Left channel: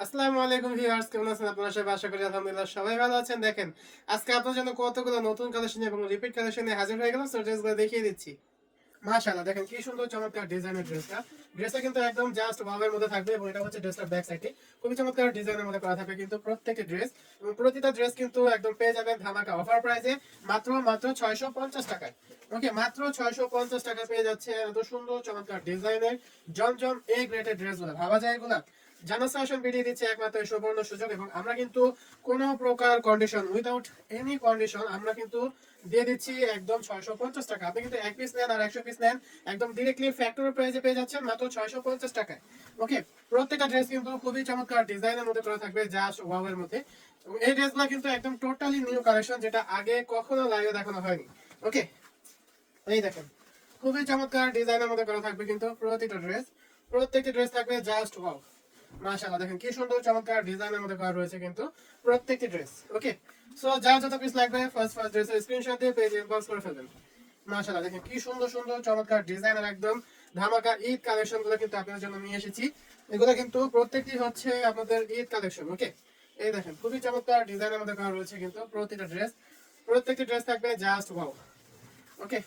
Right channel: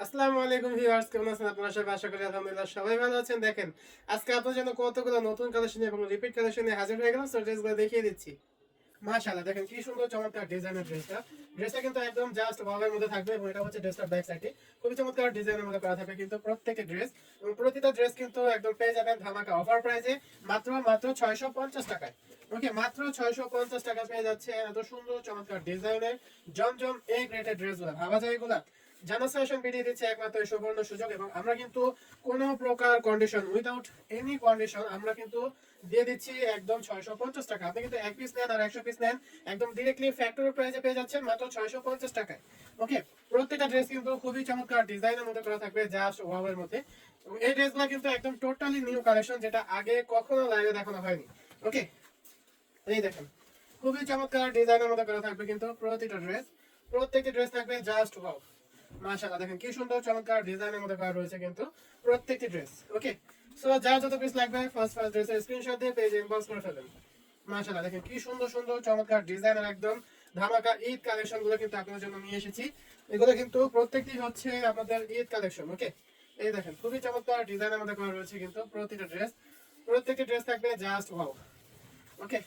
আসসালামু আলাইকুম ভিউয়ার্স, কেমন আছেন আপনারা সবাই? আশা করি আলহামদুলিল্লাহ সবাই ভালো আছেন। দেখেন, আজকে আপনার জন্য কতগুলো নতুন কালেকশন এবং রিপিট কালেকশন নিয়ে হাজির হয়ে গেলাম। সো ড্রেসগুলো দেখিয়ে দিচ্ছি। মাশাআল্লাহ, দেখেন কি সুন্দর চমৎকার ডিজাইনের ড্রেসটা। ড্রেসটা কিন্তু একদম জাস্ট ওয়াওয়ের মধ্যে থাকবে এবং এটা হচ্ছে ড্রেসটার ব্যাক সাইডে খুবই চমৎকার ডিজাইনের মধ্যে করা থাকবে কিন্তু প্রত্যেকটি ড্রেস, এবং প্রতিটা ড্রেস কিন্তু একদম পেয়ে যাবেন ধামাকা অফার প্রাইসে মাত্র 650 টাকায়। ওকে, মাত্র 650 টাকায় পেয়ে যাচ্ছে এত সুন্দর চমৎকার ডিজাইনের জমজম এ গ্রেডের ড্রেসগুলো। ভাবা যায় এগুলা? জানাস ফ্যাশন বেরিয়ে দিচ্ছে একমাত্র সুবর্ণ সুযোগ, এবং আমরা কিন্তু কোনো প্রকার কন্ডিশন, উইদাউট এনি কন্ডিশন আমরা কিন্তু দিয়ে দিচ্ছি একদম 650 টাকা। আপনি কিন্তু এক পিস নেন আর 100 পিস নেন, একদম ডিরেক্টলি ফ্যাক্টরি প্রাইসে পেয়ে যাচ্ছেন মাত্র 650 টাকায়। ওকে, প্রত্যেকটা ড্রেস কিন্তু খুবই চমৎকার ডিজাইনের মধ্যে করা থাকবে, যা ওয়াওয়ের মধ্যে। এবং এই ড্রেসগুলো কিন্তু একদম টোটালি নিউ কালেকশন, যেটা আগে কখনো লাইভে দেখানো হয়নি। ওকে, এই দেখেন খুবই চমৎকার ডিজাইনের মধ্যে করা থাকবে কিন্তু প্রতিটা ড্রেস, প্রত্যেকটা ড্রেস থাকবে জাস্ট ওয়াও। মাশাআল্লাহ, দেখেন কি সুন্দর চমৎকার ডিজাইনের মধ্যে করা রয়েছে কিন্তু প্রত্যেকটি ড্রেস। ওকে, সো যার যত পিস লাগবে ফার্স্ট ড্রেসের স্ক্রিনশট দিয়ে পেজে ইনবক্স করে ফেলবেন। মাশাআল্লাহ, দেখেন কি সুন্দর সুন্দর চমৎকার ডিজাইনের একদম ধামাকা ঈদ কালেকশন গুলো কিন্তু আপনাদের জন্য নিয়ে এসেছি। এগুলো কিন্তু প্রত্যেকটি হচ্ছে আপনাদের ঈদ কালেকশন। ওকে, এই দেখেন খুবই চমৎকার ডিজাইনের মধ্যে করা রয়েছে কিন্তু প্রতিটা ড্রেস, প্রত্যেকটি ড্রেস থাকবে জাস্ট ওয়াও। ওকে,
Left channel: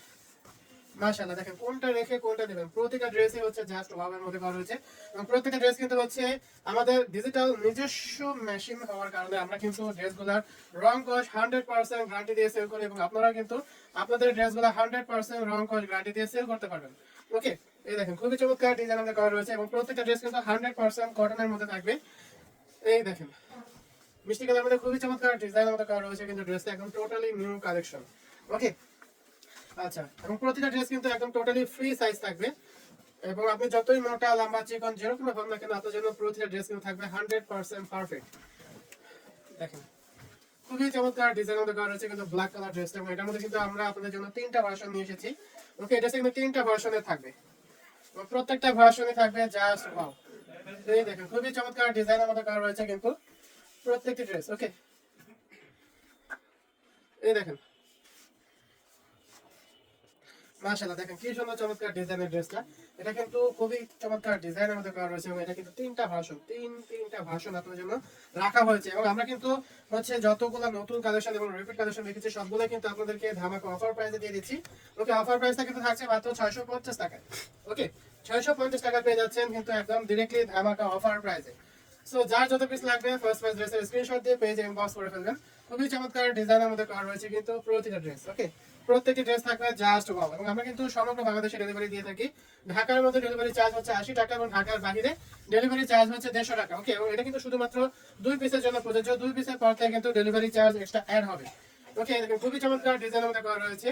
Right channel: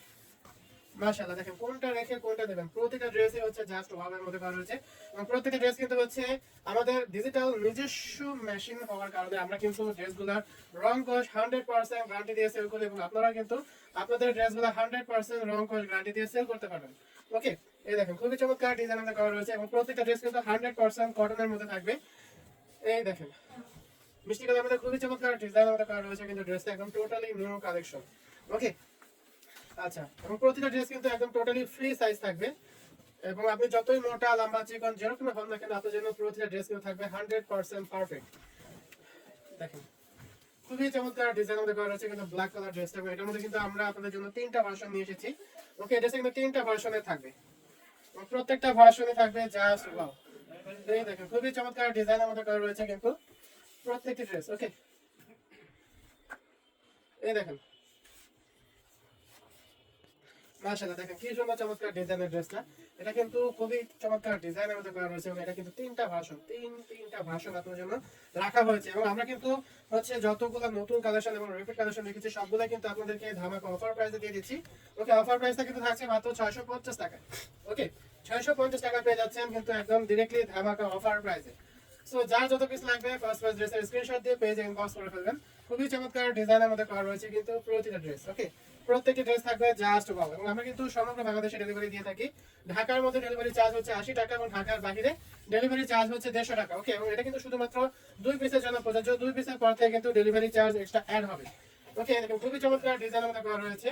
মাশাআল্লাহ, দেখেন কোনটা রেখে কোনটা নেবেন, প্রত্যেকটা ড্রেসই হচ্ছে জাস্ট ওয়াওয়ের মধ্যে করা হয়েছে। এবং প্রত্যেকটা ড্রেস কিন্তু হচ্ছে আমাদের ডিজিটাল নিজস্ব মেশিন হওয়ার কারণে আমরা কিন্তু ড্রেসগুলোর রং কস 100% গ্যারান্টি দিয়ে সেল করি, এবং আপনারা কিন্তু আপনাদের ড্রেসগুলো 100% রং কস গ্যারান্টি দিয়ে সেল করতে পারবেন। ওকে, এই দেখেন খুবই চমৎকার ডিজাইন আমাদের করা রয়েছে, এবং প্রত্যেকটা ড্রেস কিন্তু 100% কটনের মধ্যে থাকবে। এই দেখেন মিষ্টি কালার মধ্যে খুবই চমৎকার ডিজাইন আমাদের করা রয়েছে কিন্তু ড্রেসটা একদম টোটালি নিউ কালেকশন। ওকে, আচ্ছা, এবং প্রতিটা ড্রেস কিন্তু একদম টোটালি ফ্রি সাইজ থাকবে, এবং আপনি যতই মোটা লম্বা চিকন যেরকম হন না কেন আপনার জন্য প্রতিটা ড্রেস কিন্তু থাকবে 100% পারফেক্ট। দেখেন খুবই চমৎকার ডিজাইন আমাদের করা রয়েছে কিন্তু ব্ল্যাক কালার ড্রেসটা, এবং এটার মধ্যে কিন্তু আমরা আপনাদের জন্য তিনটা ভার্সন নিয়ে এসেছি। ওকে, এটা কিন্তু তিনটা ভার্সনে থাকবে, এবং প্রত্যেকটা ভার্সনে থাকবে জাস্ট ওয়াও। এই দেখেন খুবই চমৎকার ডিজাইন আমাদের করা রয়েছে কিন্তু প্রত্যেকটি ড্রেস। ওকে, এই দেখেন মাশাআল্লাহ, দেখেন কি সুন্দর চমৎকার ডিজাইনের ড্রেসটা। এটা কিন্তু খুবই চমৎকার ডিজাইনের মধ্যে করা হয়েছে, এবং এটা কিন্তু তিনটা ভার্সন আপনাদের জন্য রাখা হয়েছে। এবং আমরা কিন্তু হচ্ছে যতগুলো নতুন কালেকশন এবং রিপিট কালেকশন রেখেছি সবগুলো কিন্তু আপনাদেরকে ধামাকা অফার প্রাইসে দিয়ে দিচ্ছি। ওকে, অফার প্রাইসটা কিন্তু থাকছে মাত্র 650 টাকা। ওকে, 650 টাকা পেয়ে যাচ্ছেন কিন্তু একদম ডিরেক্টলি ধামাকা অফার প্রাইসে। সো যার যত পিস লাগবে ফার্স্ট ড্রেসের স্ক্রিনশট দিয়ে পেজে ইনবক্স করে ফেলবেন। খুবই চমৎকার ডিজাইনের মধ্যে করা রয়েছে কিন্তু প্রতিটা ড্রেস। ওকে, প্রত্যেকটি ড্রেস থাকবে জাস্ট ওয়াও, এবং আমরা কিন্তু সমগ্র বাংলাদেশে ডেলিভারি দিয়ে থাকি। ঢাকার মধ্যে ডেলিভারি চার্জ হচ্ছে 80 টাকা, এবং ঢাকার বাইরে ডেলিভারি চার্জ হচ্ছে 150 টাকা। ওকে, এবং এটা কিন্তু শুধুমাত্র 2 পিসের জন্য প্রযোজ্য, 2 পিসের পর থেকে কিন্তু ডেলিভারি চার্জ এক্সট্রা অ্যাড হবে। ওকে, দেখেন খুবই চমৎকার ডিজাইনের মধ্যে করা রয়েছে,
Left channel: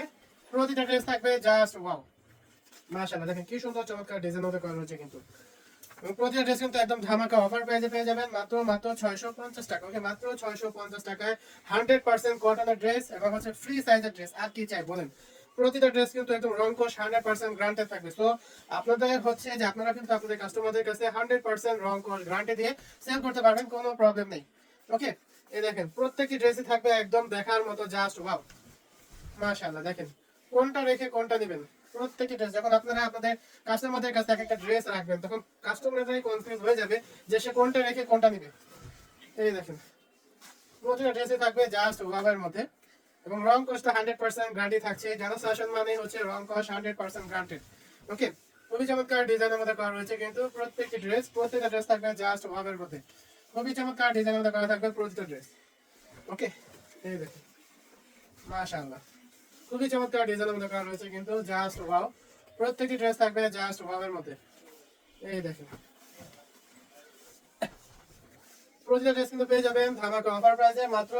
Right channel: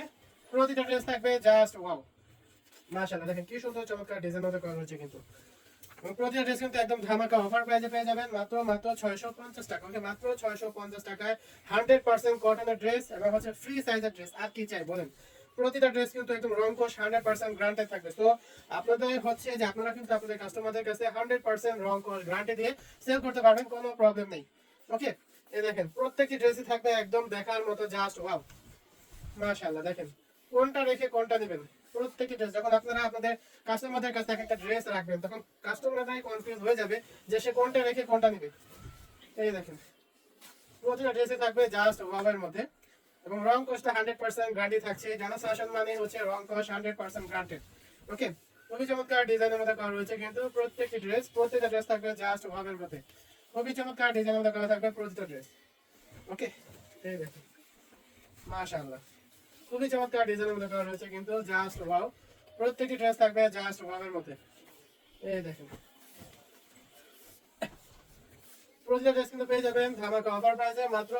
প্রতিটা ড্রেস থাকবে জাস্ট ওয়াও। মাশাআল্লাহ, দেখেন কি সুন্দর চমৎকার ডিজাইনের মধ্যে করা রয়েছে কিন্তু, এবং প্রতিটা ড্রেস কিন্তু একদম ধামাকা অফার প্রাইসে পেয়ে যাবেন মাত্র 650 টাকা। ওকে, মাত্র 650 টাকায় 100% কটনের ড্রেস এবং হচ্ছে ফ্রি সাইজের ড্রেস। আর কি চাই বলেন? প্রতিটা ড্রেস কিন্তু একদম রং কস 100% গ্যারান্টেড থাকবে। তো আপনাদের হচ্ছে যে আপনারা কিন্তু আপনাদের কাস্টমারদের কাছে 100% রং কস গ্যারান্টি দিয়ে সেল করতে পারবেন, কোনো প্রবলেম নেই। ওকে, এই দেখেন প্রত্যেকটি ড্রেসই থাকবে একদম দেখার মতো জাস্ট ওয়াও। মাশাআল্লাহ, দেখেন কোনটা রেখে কোনটা নেবেন। প্রত্যেকটি ড্রেস যখন আপনারা আপনাদের কাস্টমারদের কাছে একটা ড্রেস রাখবেন, তখন কাস্টমাররাই কনফিউজ হয়ে যাবে যে সে কোনটা রেখে কোনটা নেবে। এই দেখেন প্রতিটা ড্রেসে থাকবে জাস্ট ওয়াবের মধ্যে, এবং রং কস্টটা 100% গ্যারান্টি থাকছে। জানা শাসন মানে হচ্ছে রং কস্ট 100% গ্যারান্টেড। ওকে, খুবই চমৎকার ডিজাইনের মধ্যে করা রয়েছে কিন্তু প্রত্যেকটি ড্রেস, প্রত্যেকটা ড্রেস থাকবে জাস্ট ওয়াবের মধ্যে। খুবই চমৎকার ডিজাইনের মধ্যে করা থাকবে প্রতিটা ড্রেস। ওকে, এই দেখেন মাশাআল্লাহ, খুবই চমৎকার ডিজাইনের মধ্যে করা রয়েছে কিন্তু জাস্ট ওয়াও। প্রত্যেকটি ড্রেস থাকবে জাস্ট ওয়াও এর মধ্যে। এই দেখেন প্রতিটা ড্রেস কিন্তু পেয়ে যাবেন ধামাকা অফার প্রাইসে মাত্র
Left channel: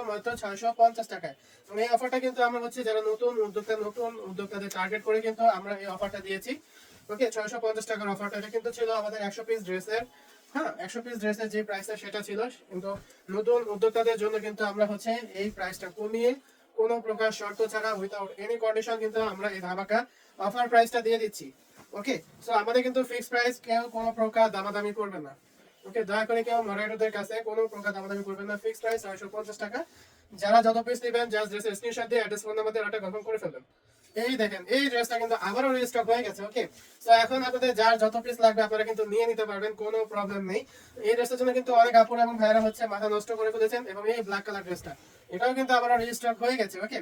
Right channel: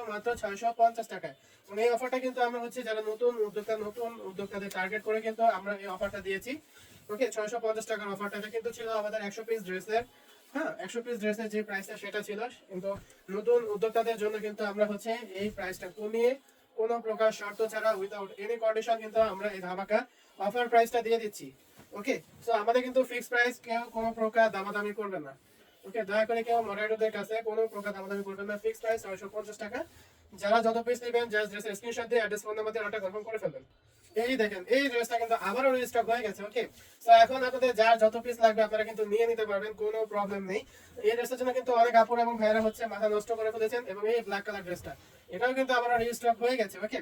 650 টাকায়। এবং এই অফারটা কিন্তু আমরা হচ্ছে যারা নতুন উদ্যোক্তাদের টার্গেট করে কিন্তু আমরা এই অফারটা দিয়েছি। ওকে, 650 টাকার অফারটা এটা কিন্তু ছিল আমাদের 100 পিস ড্রেসের। হ্যাঁ, 100 পিস ড্রেসের যে প্রাইসটা সেটা ছিল, কিন্তু নতুন উদ্যোক্তাদের জন্য কিন্তু আমরা হচ্ছে এই প্রাইসটা কমিয়ে কোনো প্রকার শর্ত ছাড়া উইদাউট এনি কন্ডিশন কিন্তু আমরা এই ধামাকা অফার প্রাইসটা দিয়ে দিচ্ছি। ওকে, সো আমাদের কিন্তু ফিক্সড প্রাইস, কেউ কোনো প্রকার দামাদামি করবে না। ওকে, দয়া করে কেউ মডারেটরদের কাছে কোনো প্রকার দামাদামি করবেন না। ফিক্সড প্রাইস 650 টাকা। যারা যত পিস নেবেন জাস্ট ড্রেসের স্ক্রিনশট দিয়ে অ্যাড্রেস ফোন নাম্বার দিয়ে অর্ডার কনফার্ম করে ফেলবেন। এই দেখেন এই ড্রেসটা কিন্তু আবারও রিস্টক হয়ে গেছে। ওকে, তো এখন আপনাদের যার যত পিস লাগবে আপনারা কিন্তু নিয়ে নিতে পারবেন, কোনো প্রবলেম নেই। এই ড্রেসটার জন্য কিন্তু অনেক আপুরা এবং ভাইরা হচ্ছে মাথা নষ্ট করে ফেলেছেন, এবং এই ব্ল্যাক কালার ড্রেসটা এটাও কিন্তু আবারও রিস্টক হয়ে গেছে। ওকে,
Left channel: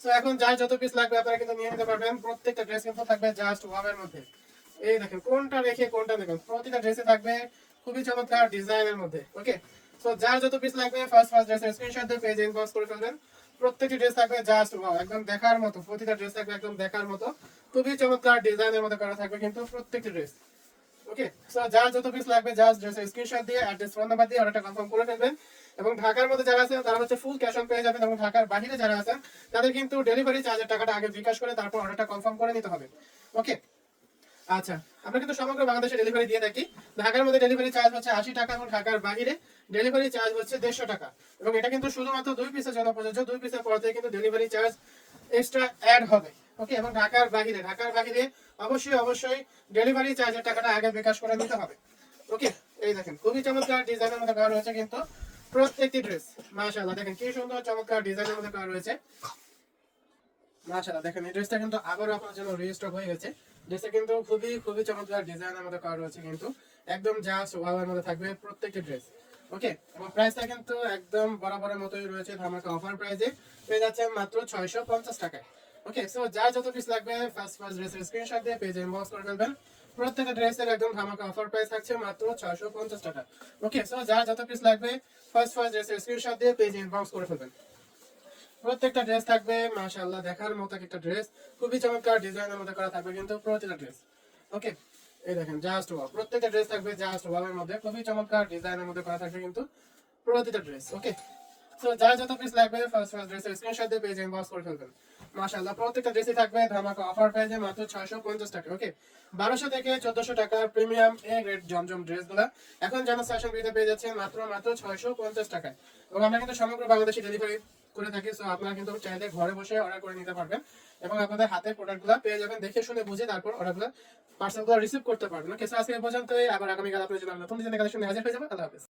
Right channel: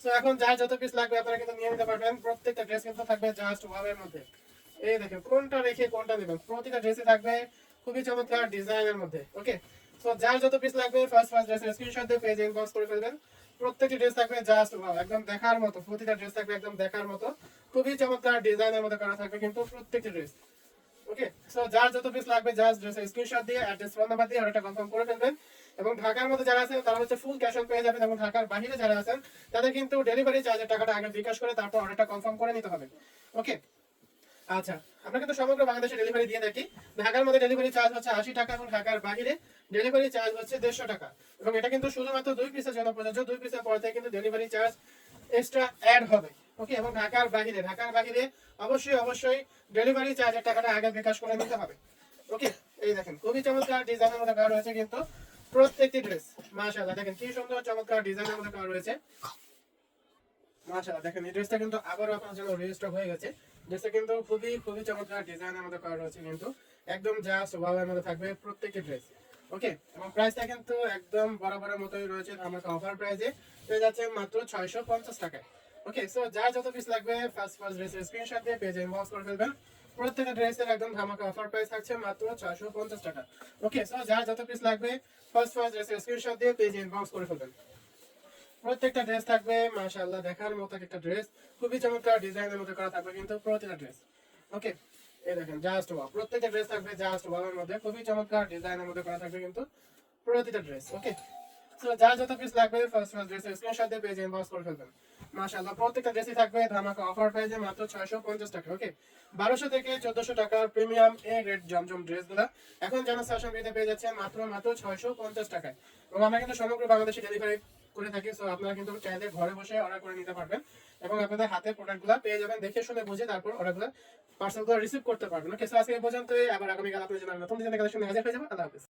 তো এখন যার যত পিস লাগবে আপনারা কিন্তু নিয়ে নিতে পারবেন। প্রত্যেকটা ড্রেস কিন্তু থাকবে জাস্ট ওয়াবের মধ্যে। এই দেখেন কোনটা রেখে কোনটা নেবেন, প্রতিটা ড্রেসে থাকবে খুবই চমৎকার ডিজাইনের মধ্যে। ওকে, তো যার যত পিস লাগবে ফার্স্ট ড্রেসের স্ক্রিনশট দিয়ে পেজে ইনবক্স করে ফেলবেন। প্রত্যেকটি ড্রেস থাকবে জাস্ট ওয়াও, একদম দেখার মতো। প্রতিটা ড্রেস থাকবে একদম দেখার মতো, খুবই চমৎকার ডিজাইনের মধ্যে করা থাকবে কিন্তু প্রত্যেকটি ড্রেস। ওকে, সো যার যত পিস লাগবে জাস্ট ড্রেসের স্ক্রিনশট দিয়ে অ্যাড্রেস ফোন নাম্বার দিয়ে অর্ডারটা কনফার্ম করে ফেলবেন। এবং ঢাকার মধ্যে যারা আছেন তারা হচ্ছে ফুল ক্যাশ অন পেয়ে যাবেন, এবং ঢাকার বাইরে যারা আছেন তাদের কিন্তু ডেলিভারি চার্জের টাকাটা আগে বিকাশ করে তারপর অর্ডারটা কনফার্ম করে নিতে হবে। ওকে, আচ্ছা, আমরা কিন্তু সমগ্র বাংলাদেশে ডেলিভারি দিয়ে থাকি। ঢাকার মধ্যে ডেলিভারি চার্জ হচ্ছে 80 টাকা, এবং ঢাকার বাইরে ডেলিভারি চার্জ হচ্ছে 150 টাকা। এবং এটা কিন্তু শুধুমাত্র 2 পিসের জন্য প্রযোজ্য। 2 পিসের পর থেকে কিন্তু ডেলিভারি চার্জ এক্সট্রা অ্যাড হবে। ওকে, এবং ঢাকার বাইরে অবশ্যই ডেলিভারি চার্জের টাকাটা আগে বিকাশ করে নিতে হবে। ওকে, এই দেখেন খুবই চমৎকার ডিজাইনের মধ্যে করা রয়েছে কিন্তু প্রত্যেকটি ড্রেস। মাশাআল্লাহ, দেখেন কি সুন্দর চমৎকার ডিজাইনের মধ্যে করা রয়েছে। মাশাআল্লাহ, দেখেন এই ড্রেসটা কিন্তু আবারও আপনার জন্য রিস্টক হয়ে গেছে। ড্রেসটা কিন্তু খুবই চমৎকার ডিজাইনের মধ্যে করা রয়েছে কিন্তু একদম জাস্ট ওয়াওয়ের মধ্যে থাকবে প্রত্যেকটি ড্রেস। ওকে, এবং প্রাইসটা কিন্তু একদম বরাবরের মতোই রয়েছে, ধামাকা অফার প্রাইসে পেয়ে যাচ্ছে মাত্র 650 টাকায়। ওকে, সো যার যত পিস লাগবে ফার্স্ট ড্রেসের স্ক্রিনশট দিয়ে পেজে ইনবক্স করে ফেলবেন। প্রত্যেকটা ড্রেসের একদম ধামাকা অফার প্রাইস থাকছে মাত্র 650 টাকা। ওকে, সো যার যত পিস লাগবে ফার্স্ট ড্রেসের স্ক্রিনশট দিয়ে পেজে ইনবক্স করে ফেলবেন। প্রত্যেকটা ড্রেস থাকবে মাশাআল্লাহ দেখার মতো একটা ড্রেস, খুবই চমৎকার ডিজাইনের মধ্যে করা থাকবে কিন্তু প্রতিটা ড্রেস। ওকে, এই দেখেন জাস্ট ওয়াও, প্রত্যেকটা ড্রেস থাকবে জাস্ট ওয়াও এর মধ্যে, খুবই চমৎকার ডিজাইনের মধ্যে করা থাকবে কিন্তু প্রতিটা ড্রেস। ওকে, সো যার যত পিস লাগবে ফার্স্ট ড্রেসের স্ক্রিনশট দিয়ে পেজে ইনবক্স করে ফেলবেন। মাশাআল্লাহ, প্রত্যেকটা ড্রেসই থাকবে ধামাকা অফার প্রাইসে মাত্র 650 টাকা। ওকে, 1200 থেকে 1400 টাকার প্রিমিয়াম এ গ্রেড জমজম ড্রেসগুলো এখন জন সেশন ভিডিওতে পেয়ে যাচ্ছেন মাত্র 650 টাকায়। এবং আমরা কিন্তু সমগ্র বাংলাদেশে ডেলিভারি করে থাকি। সো আপনারা কিন্তু চাইলে ঘরে বসে অর্ডার করে নিতে পারবেন, এবং আপনাদের হাতে প্রোডাক্টগুলো পেয়ে যাবেন, দেখে শুনে বুঝে তারপর অর্ডারগুলো পার্সেলগুলো রিসিভ করতে পারবেন। ওকে, সো আজকে এই পর্যন্তই, আবার আগামীকাল আপনাদের জন্য নতুন ডিজাইনের কালেকশন হাজির হয়ে যাবে। আল্লাহ হাফেজ।